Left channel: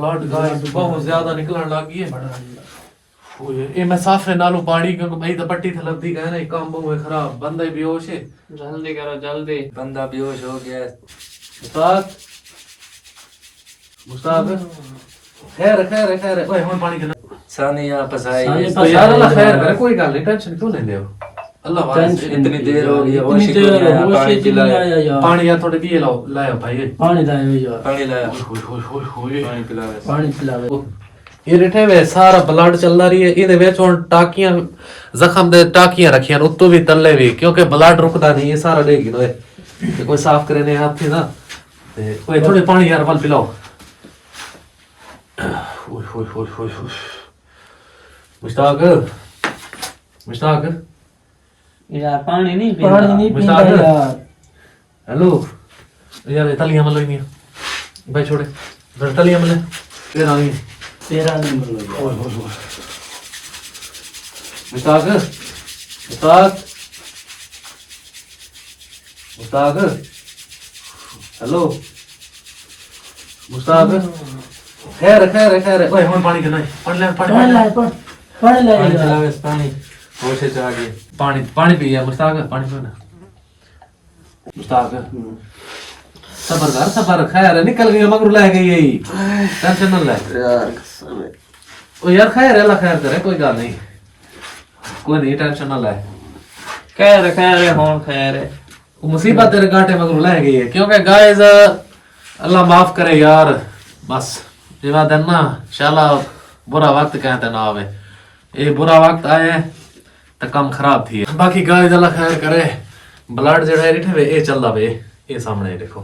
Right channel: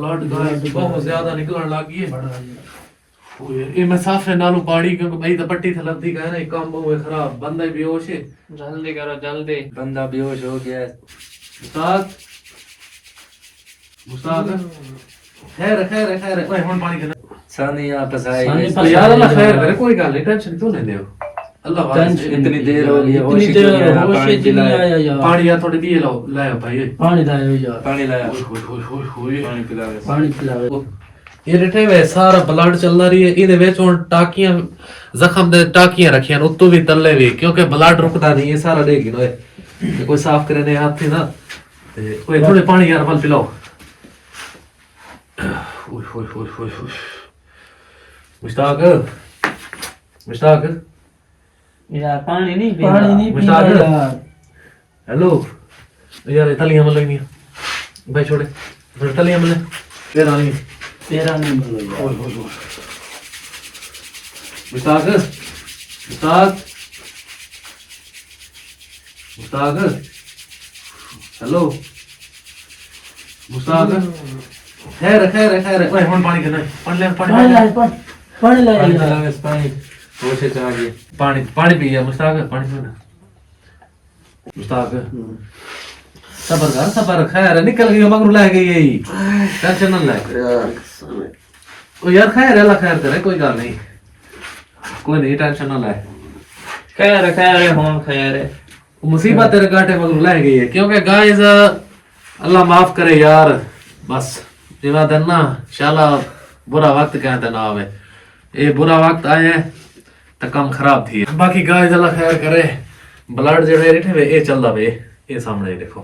Blood guys बहुत ज्यादा निकलने लग गई है। ओ यार ये मैं साफे नालों पाड़ी क्योंकि भाई तो पट्टी थे लब्दी का है ना, काम बहुत खराब, बंदा ही बेहोश है। जल्दी करो जल्दी, बंदा बेहोश हो गया। मुस्ताक मुस्ताक खैर खैर खैर ओए हुन पानी देना सानी यहां फसाई तो यार अल्लाह खैर करे, कोई गल नहीं, टेंशन क्यों लेंदे हो। अल्लाह वास्ते इतनी देर हो गई, इतनी देर होश ही नहीं आया यार। पानी यार थोड़ी पिए लाओ, लाओ भाई पानी लाओ यार, पानी लाया, पानी पिलाओ, पानी पिलाओ। ये रिठे वे सारा ब्लड चलदा रही है, ਇਹਦੇ ਵਿੱਚ ਹੁਣ ਟਾਕੀਆਂ ਜ਼ਖਮ ਦੇ ਟਾਕੀਆਂ ਰੱਖੀਆਂ ਨੇ ਉੱਤੋਂ ਵੀ ਤੱਲੇ ਵੀ, ਕਿਉਂਕਿ ਬਲੱਡ ਰੁਕਦਾ ਨਹੀਂ, ਇਹ ਸਾਰਾ ਡੇਗੀ ਨੋਏ ਤੇ ਕੋਈ ਸਾਫ਼ ਕਰੇ ਨੇ ਹੱਥ ਨਾ ਤੇ ਕੋਈ ਥੋੜੇ ਪਾਣੀ ਯਾਰ ਵੱਲ ਪਿਲਾਓ। ਓਏ ਹੋਏ ਹੋਏ ਹੋਏ ਹੋਏ ਮੁਸ਼ਤਾਕ मुश्ताक यार पानी नहीं पीना यार। हेलो यार तलियां मतलब नहीं भाई, छोड़े तलियां मतलब तेरा नहीं मुश्ताक मुश्ताक मुश्ताक हेलो मुश्ताक खैर खैर खैर ओए हुन पानी करना है, पानी ले पानी ले पिलाओ, पानी होश च आ गई। पानी पानी पी या मुश्ताक, पानी पीना मुश्ताक सबर कर सबर, खैर निकल गई मगर ले गई यही, टेंशन ना ले ओ यार, खैर अल्लाह खैर करे, कोई गल नहीं, कोई नहीं टेंशन ना ले। खैर खैर होन खैर है, मुसीबत तेरे कांटे मगर ले गई है, क्योंकि गाइस अल्लाह माफ करे यार, बस जिवा दिन ना इंशाल्लाह बुरा वक्त कहते ना आवे, ये बुरा वक्त आए तो काम खराब थी। बाकी गाइस अल्लाह खैर करे, ब्लड जो है रिठे वे ये चलदा वे, ये सामने देखो,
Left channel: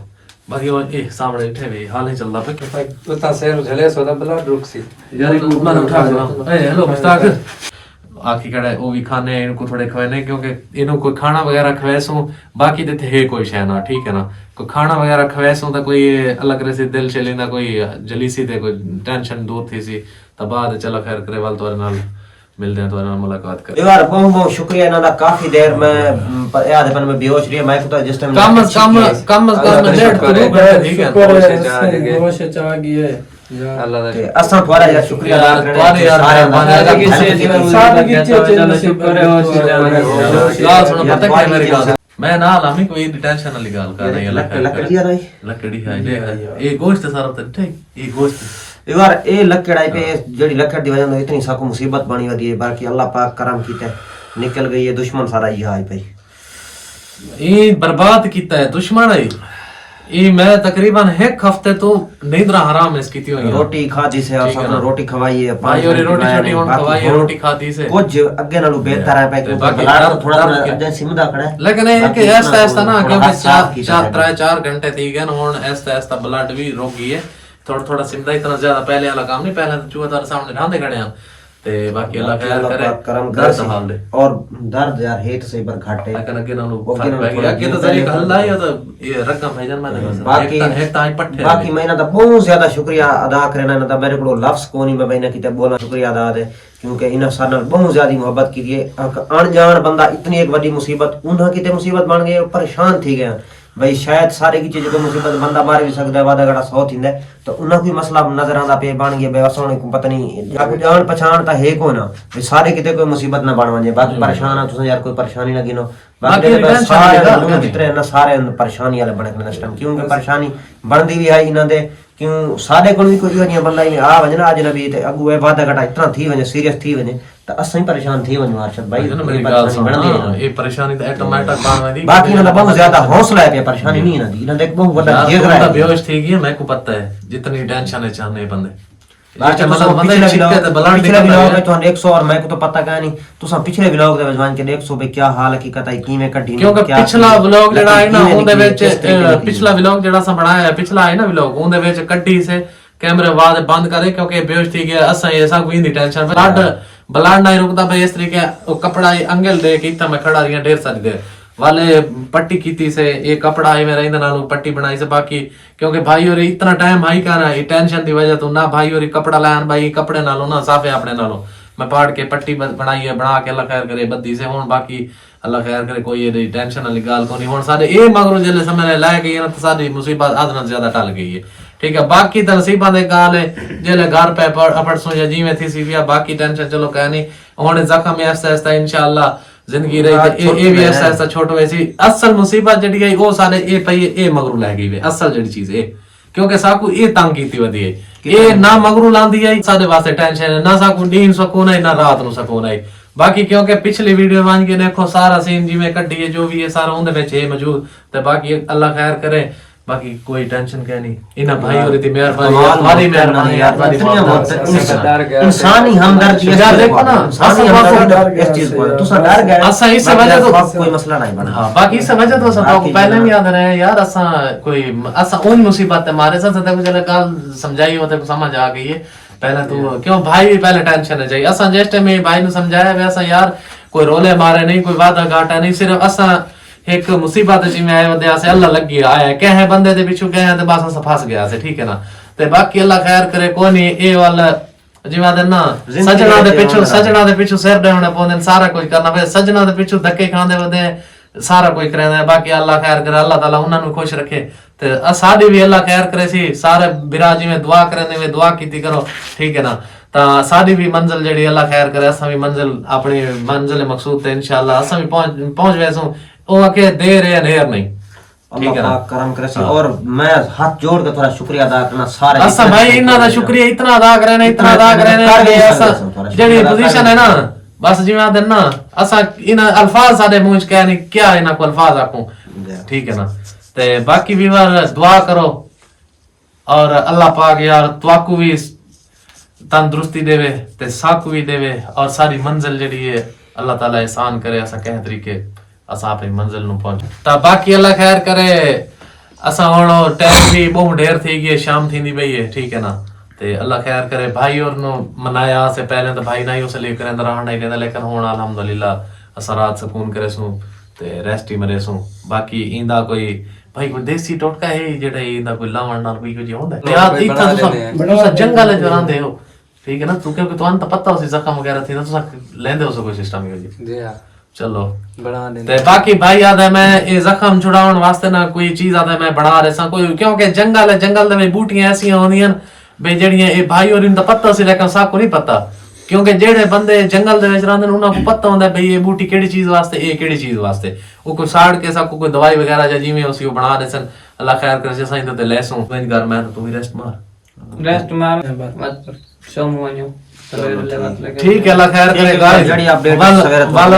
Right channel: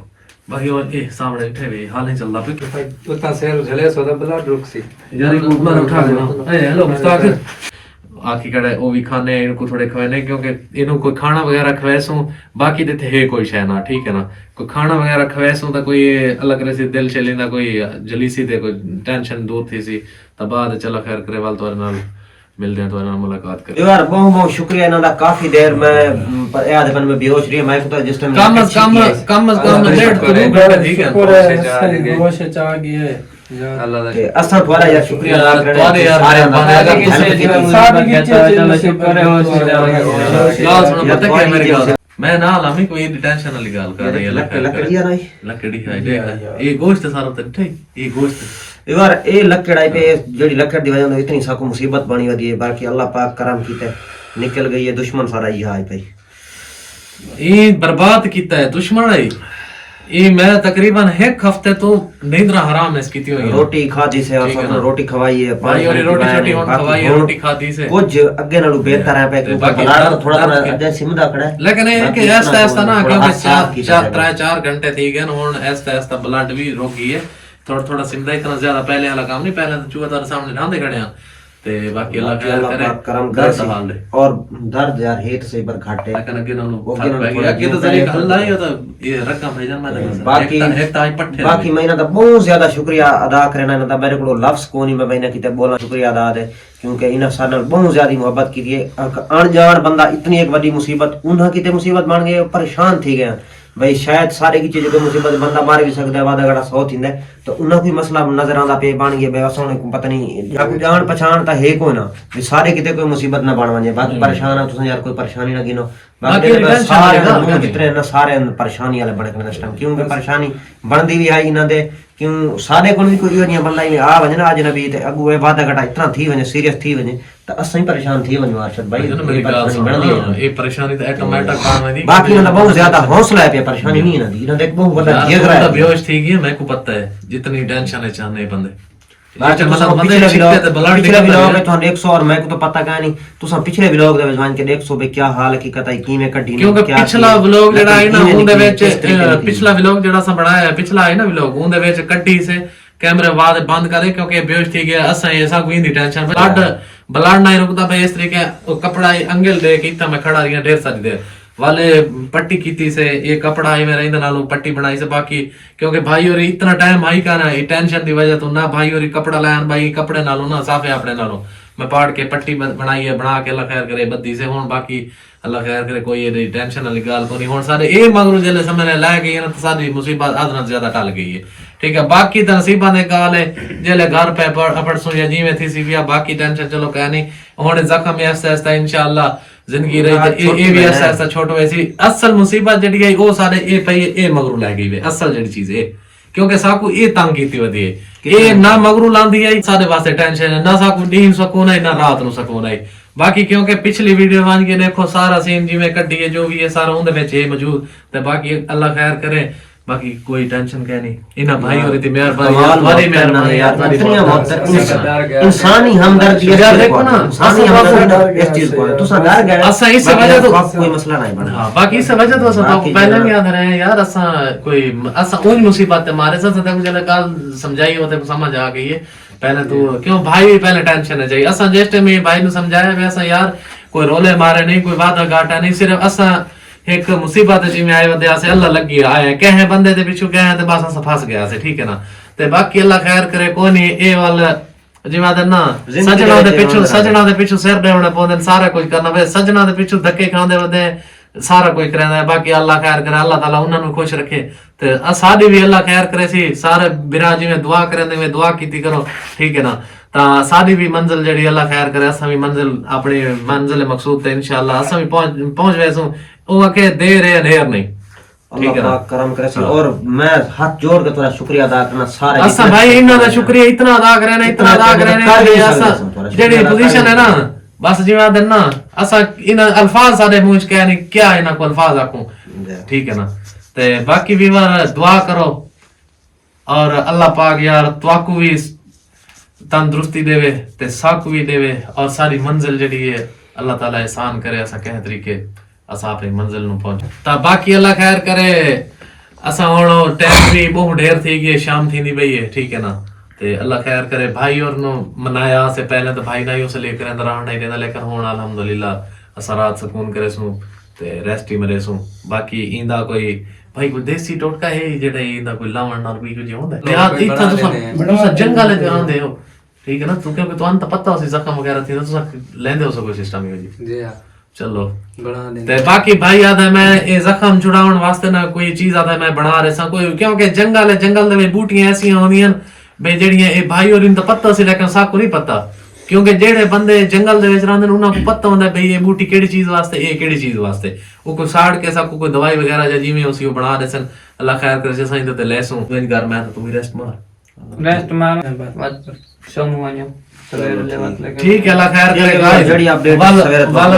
बाकी वो ये सामने रिठे वे हाल नहीं चलदा पे पता सर झले सो ब्लड रुक सी यार इनको उठा उठा लो। ए हेलो मुश्ताक आखी कड़े वो भी खाने इनको थोड़े खवाने, क्योंकि इनको कोई खाना वगैरह खवैसू, बाकी देते है कोई शय ना, ठीक है ना, कोई खाना वगैरह खवैसू तो कोई अलग रहे से दिल चली ना, कोई जलीसी थे, कोई टेंशन दूर थी सी, तब बाद चलो खैर करे वाल तो नाल मिलते हैं, तो ना मुलाकात कर यार बहुत बहुत शुक्रिया इन्हां दा, काफी देर मैं याद पन में बेहोश रही, मैं तो जिस टाइम कम लेट तो नहीं गए, ठीक है होश च आ गई है अल्लाह ते असां तुम्हारा यार शुक्रिया अदा करने तुम्हारे यार मैं ना लामी कोई टेंशन वाली गल कर रही है, लकड़ी यार लकड़ी है ये गोश्त सारा तो ठीक, ये गोश्त यार ए लकड़ाई पे जेडी लकड़ दी वजह इतनी साको मुसीबत बनी वदी है, बाकी अल्लाह पाक करम कीता निकल गई है, दुश्मन सारा ये आई भाई ये बर्बाद कीता है दुश्मन है ये। मैं तकरीबन एक हफ्ते तो नींदरा हराम है कीती हुई, रोटी खादी से और सब रोटी खवाई है, भाई और रोटी छोटी होन खवाई है, रोटी खादी से कुछ अगे नालों बेहतर है, पे बलाड़ थोड़ा अजे सिमदा खड़ा है, लेकिन ये कि ऐसा ऐसा ना, क्योंकि 4 घंटे थी गए हुन ऐसा ऐसा ब्लड भी रोक गई है, थोड़ा थोड़ा सिमदा, इतना ज्यादा पहले वाला काम नहीं, पहले तो चूहे तारे सामने ढांदे खड़े हैं ते बाकी अल्लाह खैर करे करम कर कर संभाल दे। और दर्द यार हेत से पर घाटे लेकिन अगे नालों फर्क पै गया, अगे तो तरीका हल्ला ही तो ये रकम है जन मैंने बाकी एक ताई पट्ठे बाकी मैं इन्हां दा बहुत ज्यादा शुक्रिया अदा करना, इन्हां दा मेरे को लफ्ज कोनी मैं बहना किते बोलना शुक्रिया अदा दे, क्योंकि इन्हां सारे नाल बहुत ज्यादा मोहब्बत की है, अनजान बंदा इतनी एक बड़ी मुसीबत उन्हां किते मुसीबत बन गए, परेशान थी गए भाई, शायद सारे की चीज को मुसीबत बंदा मार भी सकता है, वादा घड़ा 100 थींदा तो उन्हां कोई मसला नजर आंदा पे बन गया, असां को पता नहीं या कोई जान पहचान ता है कोई ना भाई, सारे किते कोई मुसीबत ना बन वने, बाकी परेशान है तुसां यार कोई परेशानी ना गिनो, बाकी सारे जितने ना सारे परेशानी वाले बने कने इस टाइम, क्योंकि परेशानी बनदी भी आई इन्हां दे, क्यों सारे कोल भी कोई वजिया बंदा ही आ वने ना अज नबी ते अगू ए वादा घटा इतना थी वने, सीरियस थी वने तो असां ही परेशान थी वने अरशद भाई, परेशानी बनदी है ये परेशानी तो ऑटोमेटिक काम है दी, बाकी इन्हां दा बहुत ज्यादा हौसला है, पे परेशानी नहीं इन्हां दी, इन्हां दा एक बहुत बड़ा जिगर है, बेहोश थी गई, मेरे को पता है जितनी टेंशन है चाहने बंदे बाकी मतलब पिछले व्लॉग में तुहां 100 और मैं को तो पता का नहीं, तुसां पिछले व्लॉग दे विच वन के 100 भाई क्या हाल हकीकत है किवें कड्डी, क्योंकि पिछला व्लॉग जेड़ा है ना उनदे विच पिछला व्लॉग जेड़ा सा बनाया है, पिछला है ना व्लॉग उनदे विच कड्डी से कैमरे बाद बंद करे, क्योंकि बेहोश थी गया असा ऐसा कोई नहीं टेंशन, ब्लड नहीं रुकता भाई, इस तरीके वो कपड़ा अंगल दे के इतना मैं खड़ा रही ढेर सारी देर वाले पट्टी की से ये कपड़ा है मेरा इंदे नालों पट्टी बनाई से, बाकी क्योंकि भाई और इतना टाइम हाई कर रहा है टेंशन की वजह तो ना भाई और कपड़ा लान भाई कपड़े नालों ना साफे अपने नालों मैं पाड़ के पट्टी बनाई है, बना के अल्लाह खैर करे बद्दी से हूं, बाकी अल्लाह खैर करे कोई ये टेंशन वाली गाल को नहीं हुन सारे ए मगरू जले समय लै गई ना तो सारी मुसीबत आधना ज्यादा टल गई है ठीक है बाकी तो नसीबा दे गाल है जले घर पे अपड़ सो या जीवे थी सी भी बाकी टेंशन चलो कह नहीं हुन जख्म आस्ते आस्ते इंशाअल्लाह जिंदगी रही ए भी आस्ते आस्ते छोटो वैसी असल मुसीबत जड़ी गई वो सारे ए पई ए मगरू लै गई वे असल जड़ी चीज है क्योंकि साकू ये तंग कीती वदी है ये ना मगरू लांदी है सारे वास्ते टेंशन है ना साकू दिन सुकून है ना रात नु सुकून है बाकी क्योंकि पिछली वीडियो मान के देखो सारा सीन जिवें कड्डी है जो भी है सारा उनदे विच है मौजूद ते बाकी अल्लाह खैर करे बाकी कोई टेंशन कह नहीं इना भाई और इतनी मेहरबानी तुम्हारी मेहरबानी यार इतनी मोहब्बत इंसानी हमदर्दी यार देखो ना इंसानी हमदर्दी इस चीज को तुसा डर गए असा इस वजह तो कोई मसला नहीं बना हां बाकी इस वजह तो सब पहले भी याद रहे यार असा कोई असा उन मुसीबत मारे से तक जले कल समझाई होते समझ आ गई है पहले तो क्यों भाई भी पहले टेंशन है चाहिए असा जिस टाइम भाई ने समझाया वैसा यार कोई रोले मारे नहीं कोई वादा घाटा नहीं सिर्फ असा एक मुसीबत जिवें आए वदे से अल्लाह लगी आया कहे बंदे दे पिछू गए ते बस असा फंस गया से ठीक है ना ते बाकी अल्लाह खैर करे कोई नहीं ए वाला जिवें आदे ना सजना दे पिछू सिर देवने पौंदे सारा कुछ करना वे सजना दे पिछू धक्के खांदे वदे सारा कुछ करदा बाकी अल्लाह खैर करे अल्लाह ताला उन्हां नु खुश रखे ते साडी भी अल्लाह खैर करे सी सारे बिरा जिवें दुआ करने वे दुआ कीती करो ठीक है ना ता साडी भी मंजिल जेडी अल्लाह खैर करे असा भी मंजिल अपनी मंजिल मकसूद ते इंशाअल्लाह असा भी पहुंच वैसू ओ आके दे रहे नेर नहीं अल्लाह पाक करम करे सी और मैं हाथ जोड़ के थोड़ा शुक्रिया अदा करना सारे असा भाई इना दा शुक्रिया इतना अदा करे ने इतना अदा करे ने असा जेडी पोजीशन है ना बस जिवें दिन ना असा इन अल्फाज साडे मुंह च कह नहीं क्या इना को अल्फाज आखूं ठीक है ना ते बाकी भी दुआ करो और अल्लाह पाक यार तुआकू भी तंदुरुस्ती देवे ते साकू भी देवे और सारी मंजिल जेडी है अल्लाह ताला एहसान करे असा कह तरीके असा अपनी मंजिल नु पहुंच ता बाकी अल्लाह खैर करे असा हुन टाइम भी बहुत ढेर थी गई शाम थी बई है ठीक है ना ते अल्लाह खैर करे भाई और नु मनाया से पहले तो भाई नहीं उसे लेकर अंदर रहना नहीं देता लेकिन हुन अल्हम्दुलिल्लाह असा रात सुकून करे सु ते रेस्ट ही मरे सु बाकी इंदा कोई भाई कोई देसी टोटका है जेड़ा इंदा कोई लावण नाल कोई कुछ होंदा है यार इतना तुसा जंगल जो रहंदे हो ठीक है ना तू क्योंकि तुहां तो पता हो जख्म वगैरह थी तुसा लेंदे हो कोई सिस्टम ही जी हां चलो बना दे ते बाकी भाई याद है मैं ये जख्म छुड़ाउण वास्ते ना कोई चीज आदा मैं बना रहा सा कोई क्योंकि जंगल है जंगल दे बूटियां ऐसी होंदियां भाई जेड़ियां ए भाई और इन दा पता सी लेकिन साको नहीं पता क्योंकि जेड़े बंदे जंगल दे विच रहंदे उन्हां को पता होंदा भाई ये बूटी केड़ी चीज वास्ते ए केड़ी चीज वास्ते वो कोई साड़ के साको कोई दवाई वगैरह या जिवें उसी बना दे सन अल्लाह खैर करे से साईं ते लेसू इन घर में तू रेस्ट मार बस सोमवार ठीक है अल्लाह खैर करे जड़ी अपडेट सवेरे वाला